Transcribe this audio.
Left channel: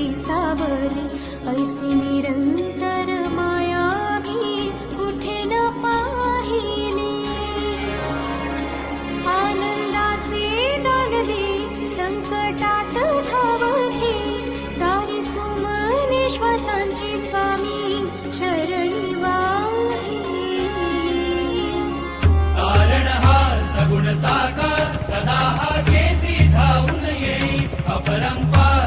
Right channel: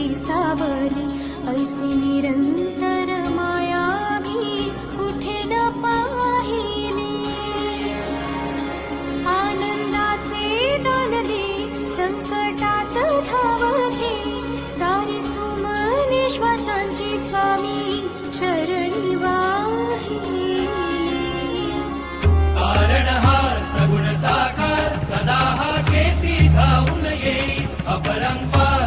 तुझी सावली, ऐसी निरंतर माया भी कुठे न पाहिली। आनंदाचे दान दे, संकटात धाव घे, सारी सुमने श्वासांची स्वामी चरणी वाहिली। सगुण साकार सदा जेसी धावून ये, अपरंपार